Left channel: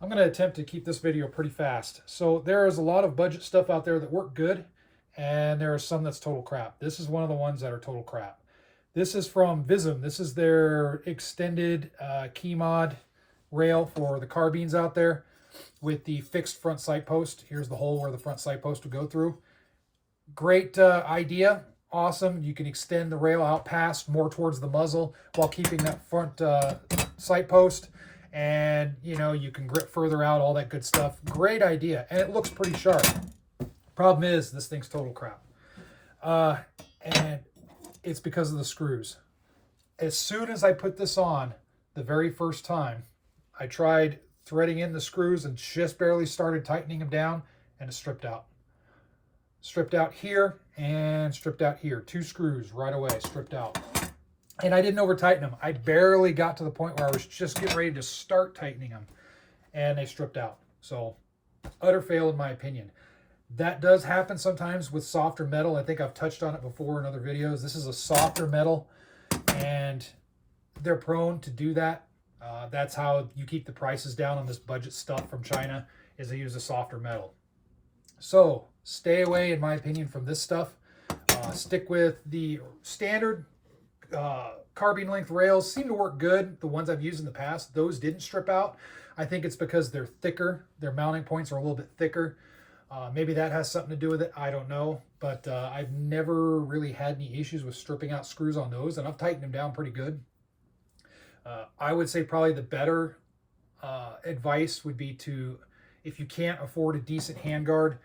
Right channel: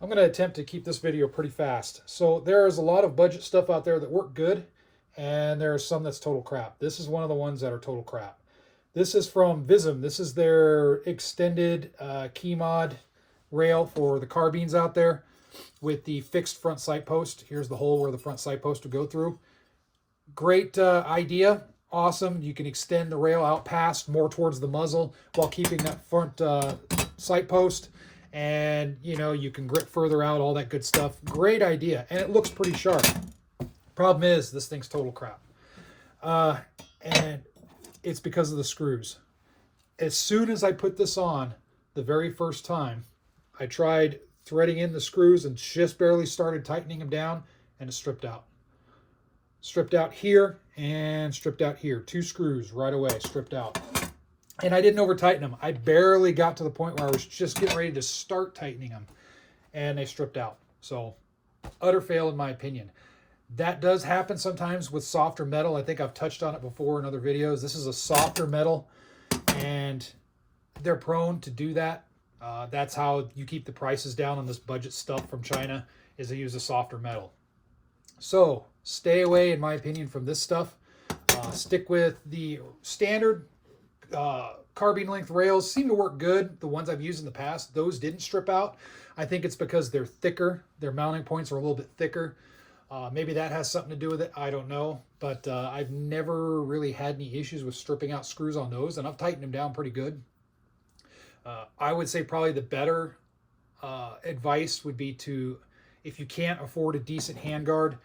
I'm going to attempt to keep this video pretty fast. So there is a lot of budget stuff out there that work good, and there is some that's total crap. This is one of the ones that are total crap. This is from VIDM. This is their extended key mod rail for the carbines out there with the fixed front sight post. Here's the hole where the front sight post would go through. Great idea. Awesome. You can extend the rail out past more towards the muzzle while keeping that front sight post. And, you know, you can grip further out, all that good stuff. Great idea. And it looks pretty sharp. Problem is, this thing's total crap. And it's because of the screws. As soon as I put this on, the very first time, I tried threading in the screws and just barely started tightening them down, and it stripped out. Stripped out here and stripped out here. 2 screws right away, stripped out. And I didn't over tighten them. I barely got to the point where I was just getting ready to start tightening them, and they stripped out. So, utter fail in my opinion. That does happen sometimes with softer metal. I think I've touched on it before in other videos. This is a softer metal, and they're prone to do that. That's how you keep the prices down on this budget stuff from China, is they use a softer metal. So, stay away, in my opinion, from this stuff. Stick with the standard carbine length rails. Seem to work good. The ones I've used in the past, those didn't strip out. I think it's because they're thicker. Their mounting points are a little bit thicker. Maybe that has something to do with it. I don't know. But I've never really had any issues with stripping out screws on those, and I've tightened them down pretty good. I would say probably the better advice would be to, if you can't afford a decent handguard,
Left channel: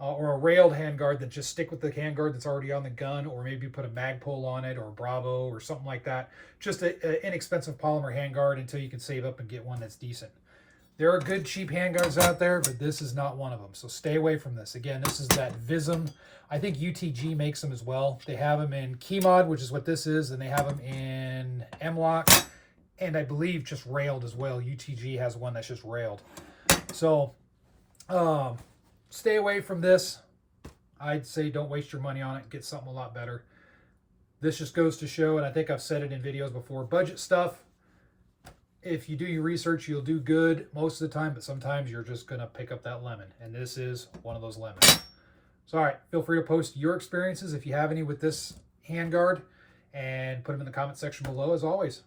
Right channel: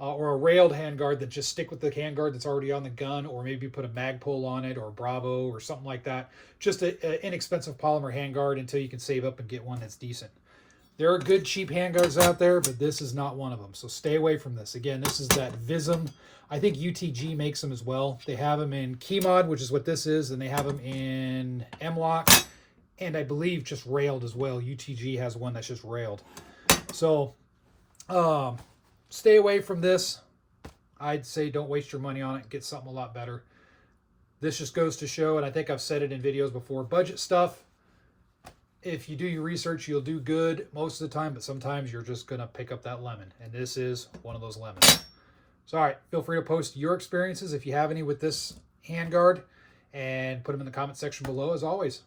or a railed handguard, then just stick with the handguard that's already on the gun, or maybe put a Magpul on it, or a Bravo, or something like that. Just an inexpensive polymer handguard until you can save up and get one that's decent. There are good cheap handguards out there, but this is not one of them. So stay away from this. Again, this is that VIDM. I think UTG makes them as well. They have them in key mod, which is what this is, and they have them in M-Lock, and I believe just railed as well. UTG has one that's just railed. So, stay away from this. I'd say don't waste your money on it. Get something a lot better. This just goes to show, and I think I've said it in videos before, budget stuff, if you do your research, you'll do good most of the time, but sometimes you're just going to pick up that lemon, and this is one of those lemons. So, all right, feel free to post your experiences if you have any with this handguard, and put them in the comment section below as always.